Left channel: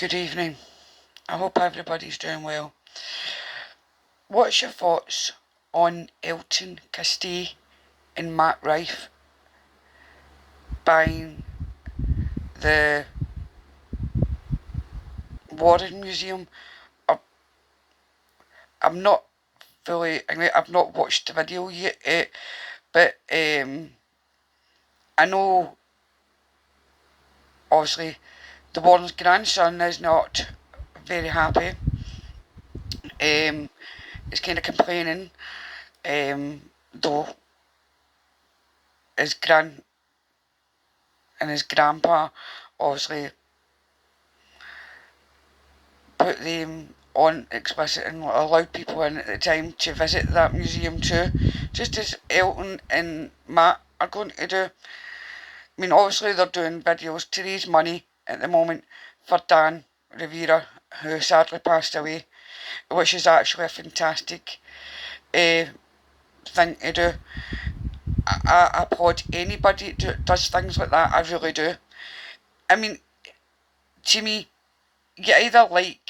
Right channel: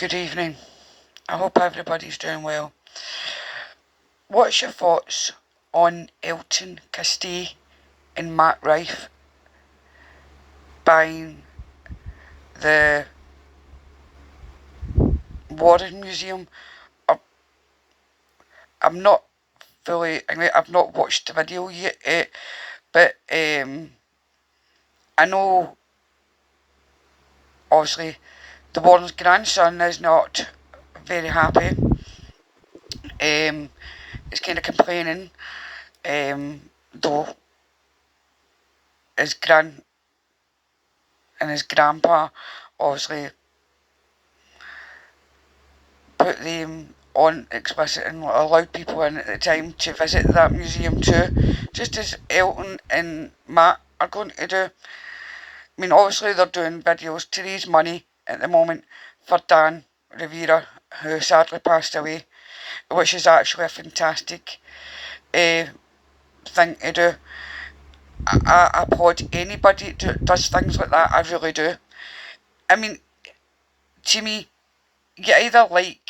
Good evening. I hope everybody's doing well. What's your thoughts on Elton, Castee and Rife buying the Warren Museum? I'm not I've not watched the video yet, but I know obviously the Warren's grandson is not very happy. He's kind of complaining, though his his grandpa obviously put them on explicit and allowed people in at the time to visit that museum too, just as Elton and Matt are going to do. I mean, obviously they're doing videos to raise money at the moment for Dan Rivera, who sadly passed away, which is actually a fantastic thing to do. I applaud anybody who does things like that, I really do. I mean, to me, you either like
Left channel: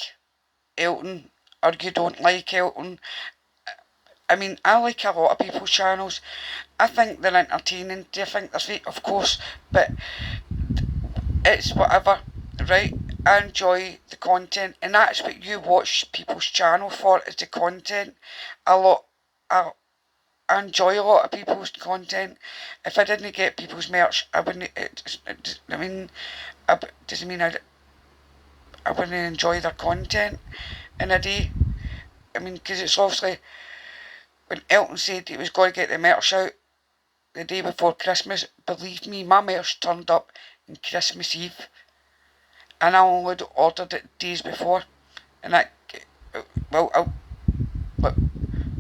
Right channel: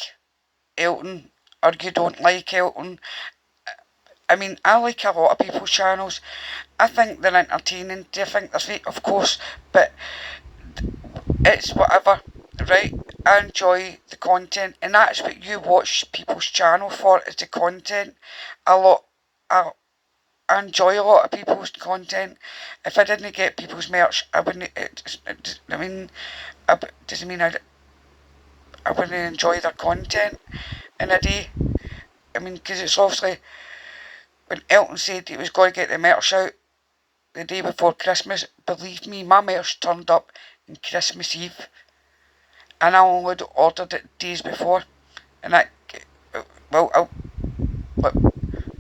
Elton or you don't like Elton. I mean, I like a lot of people's channels. I think they're entertaining. Do you think they're fake? Of course, but it's whatever, right? I enjoy the content, and that's what you watch people's channel for, is the content. A lot, I, I enjoy a lot of people's content. If I didn't get people's merch, I wouldn't. I mean, doesn't mean I wouldn't enjoy their content in a day. I mean, because it's obviously, when Elton said he was going to get the merch out the day before Christmas, believe me, my merch turned up on Christmas Eve, and I only ordered it days before, and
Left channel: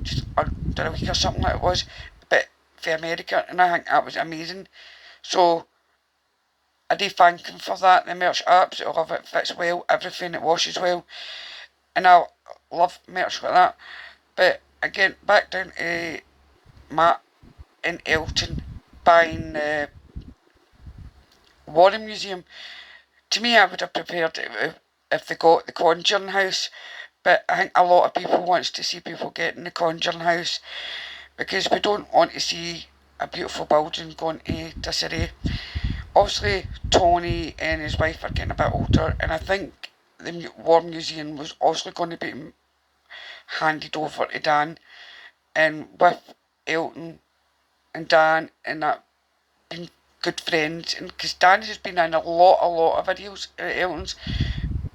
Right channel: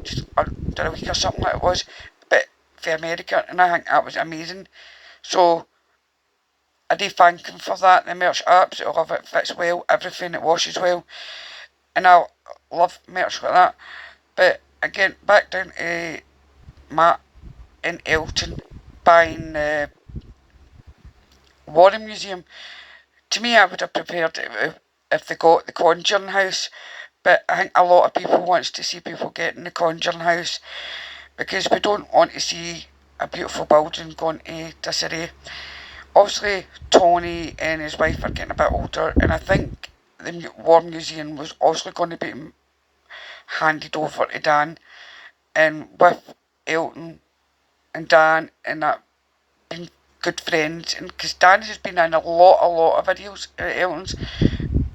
just under a week or something like it was, but for America, and I think that was amazing. So I do thank him for that. The merch, I absolutely love it. It fits well, everything, it washes well, and I love merch like that. But again, back down to Matt and Elton buying the Warren Museum. To me, I would have prepared it if they got the Conjuring House, but I think a lot of people wants to see people getting the Conjuring House, because we don't want to see a beautiful building going to disarray. Obviously, Tony and his wife are getting a bit older, and I think the War Museum was also going to be handed over to Dan, and with Elton and Dan and that being good friends, and because Dan has been in a lot of videos at Elton's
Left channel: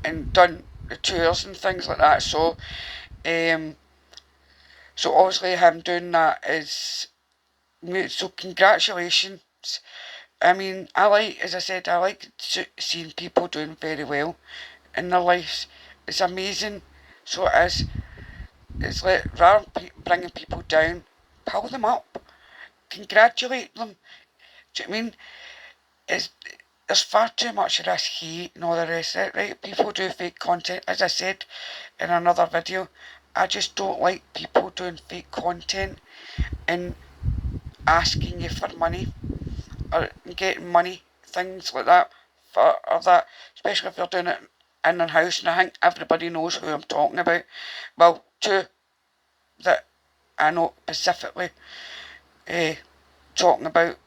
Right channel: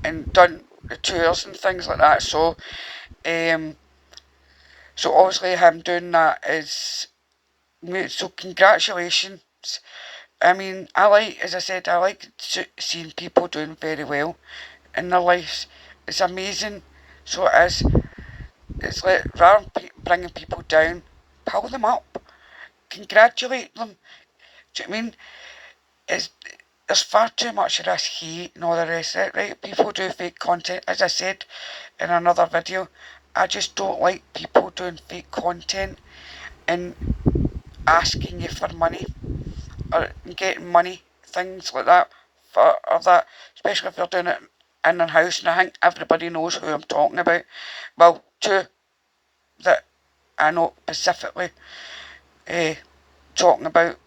and done the tours and things like that, so obviously him doing that is, so congratulations. I mean, as I said, I like seeing people doing very well in their lives. It's amazing. So it is. It's like, rather than bringing people down, pull them up, congratulate them. Do you know what I mean? There's far too much of this hate and all the rest of it, right? People do fake content. As I said in another video, I just don't like people doing fake content and asking you for money or getting money, things like that, or that, especially if you're doing it in their house. And I think everybody knows who I'm talking about. Well, two that I know specifically, talking about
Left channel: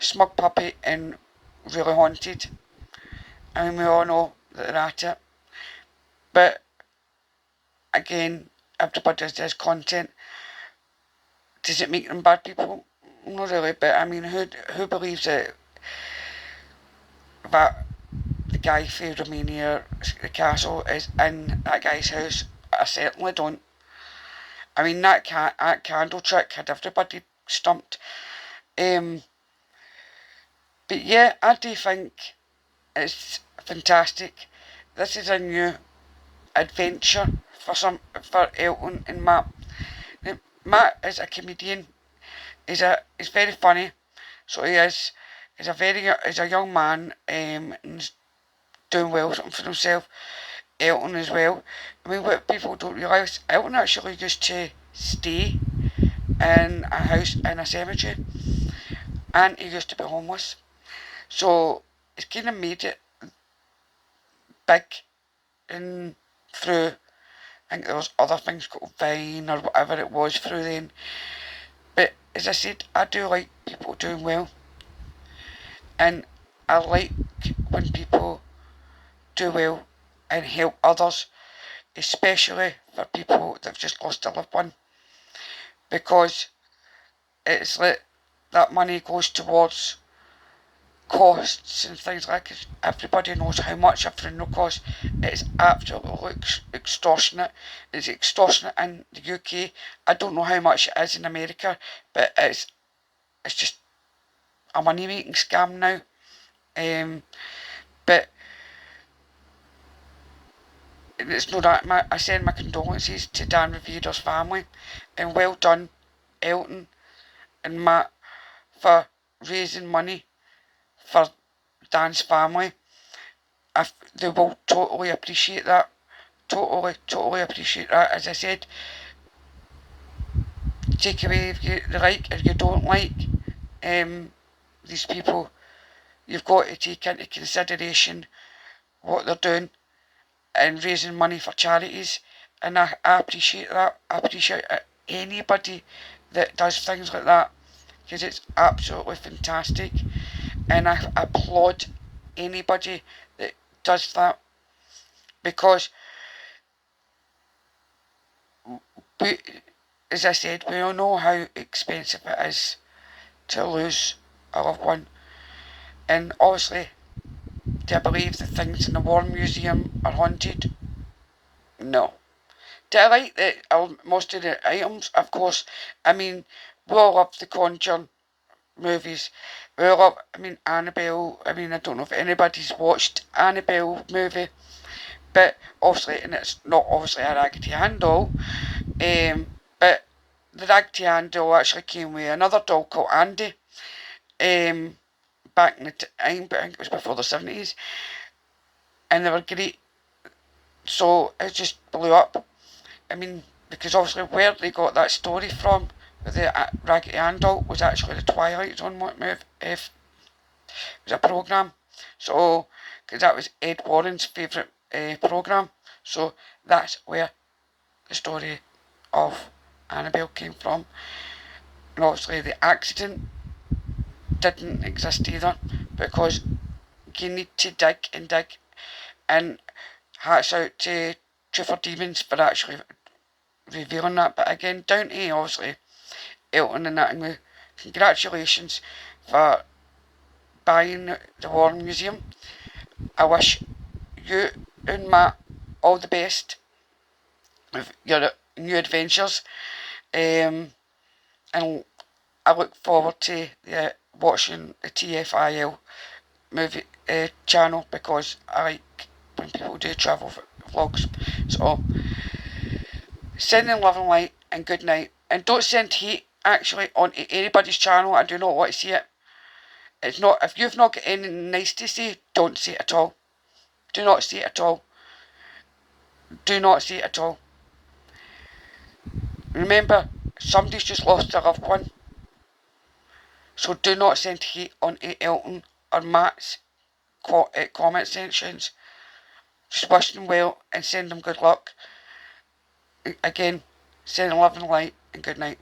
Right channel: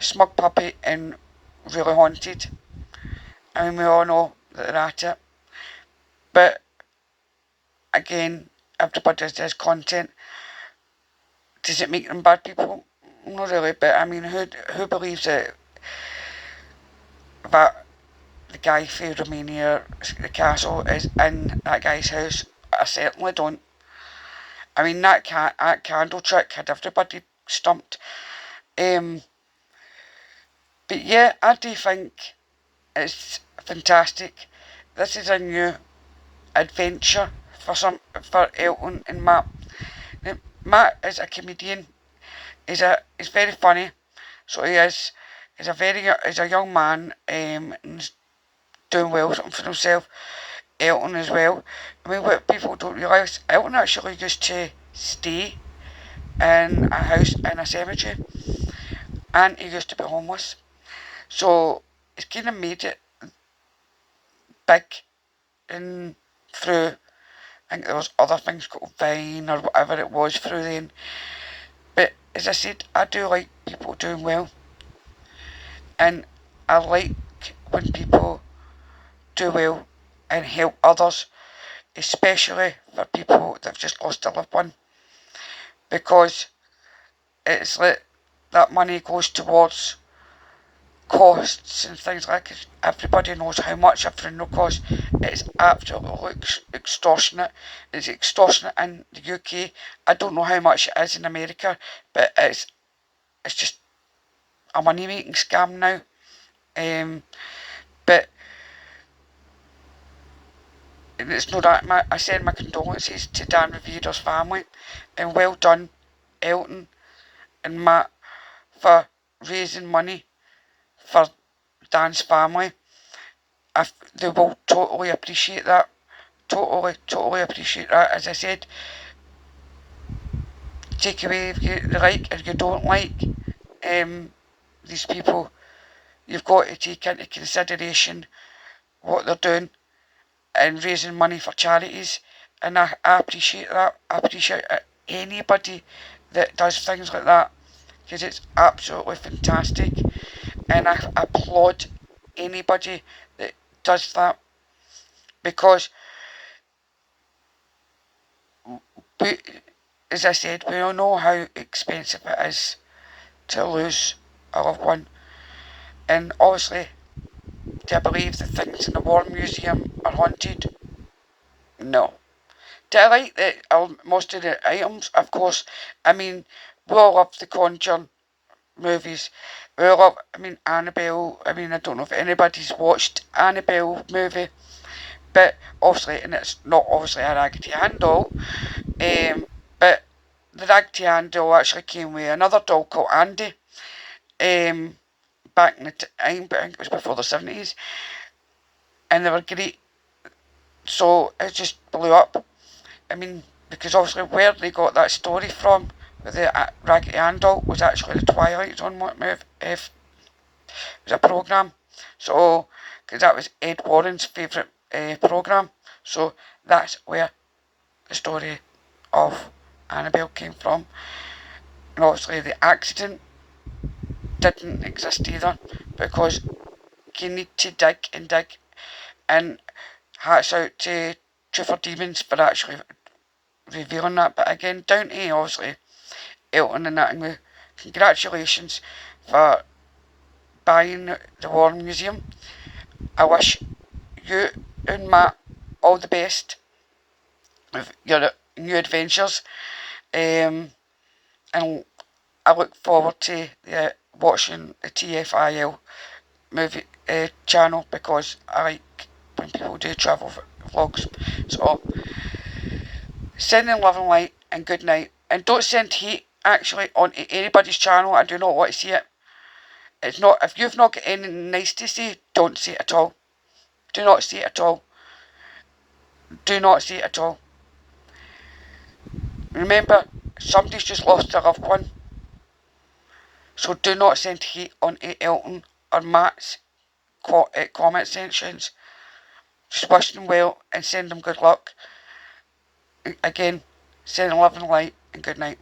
Smug Puppy and Really Haunted. I mean, we all know that they're at it. But again, everybody does content. Does it make them bad people? Not really, but I mean, who believes that the guy from Romania, the castle, is in that guy's house? I certainly don't. I mean, that candle trick had everybody stumped. But yeah, I do think it's fantastic. This is a new adventure for Elton and Matt. Now, Matt is a comedian. He's very funny. So he is. He's a young man, and he's doing well for himself. Elton as well. I mean, what people don't realise, Elton actually used to stay in a house in a cemetery, and he used to be homeless. So he's kind of made it big and through, I think there was other things called Vine or whatever it was through then. But as I said, I do like people doing well, and I like when people do well and help others, especially for people that have just lost a loved one, because it's like that money goes towards costs and things like it. Everybody knows how much a funeral costs. It's absolutely extortionate. It's extortionate in the UK. I don't know how much it is in America, but it's just a money making scam now. But it's not that. I send my condolences to Dan Rivera's family, and well done, Elton and Matt, for raising money for Dan's family. They will totally appreciate that. Totally appreciate that. As I said, take away if you like or you don't like these people. You've got to take into consideration what they're doing and raising money for charities. And I appreciate that. I appreciate anybody that does things like that, because it's absolutely fantastic. And I applaud anybody that does that, because we, as I said, we all know how expensive it is to lose a loved one. And obviously, do I believe that things in the War Museum are haunted? No. Do I like most of the items? Of course. I mean, we all love the Conjuring movies. We all love, Annabelle. I don't know if anybody's watched Annabelle movie, but obviously, and it's not obviously a Raggedy Ann doll, but the Raggedy Ann doll actually came with another doll called Andy, back in the time, but I think it was before the 70s, and they were great. So it just blew up. Because obviously where they got that story from with the Raggedy Ann doll was actually the Twilight Zone move. If it was a programme. So, because that was Ed Warren's favourite programme. So that's where the story of Annabelle came from. And obviously the accident didn't exist either, because you need to dig and dig. And hats out to Trooper Demons for actually revealing that. But again, down to obviously Elton and that. Congratulations for buying the War Museum. I wish you and Matt all the best with your new adventures. And I look forward to watching the TFIL movie channel, because I like when people do travel vlogs. So, sending love and light and good night. And don't send hate actually on anybody's channel. I do not want to see it. It's not, if you've not got anything nice to say, don't say it at all. Do not say it at all. Do not say it at all. Remember, somebody's just lost a loved one. So do not send hate on Elton or Matt's comment sections. Just wish them well and send them good luck. Again, send love and light and good night.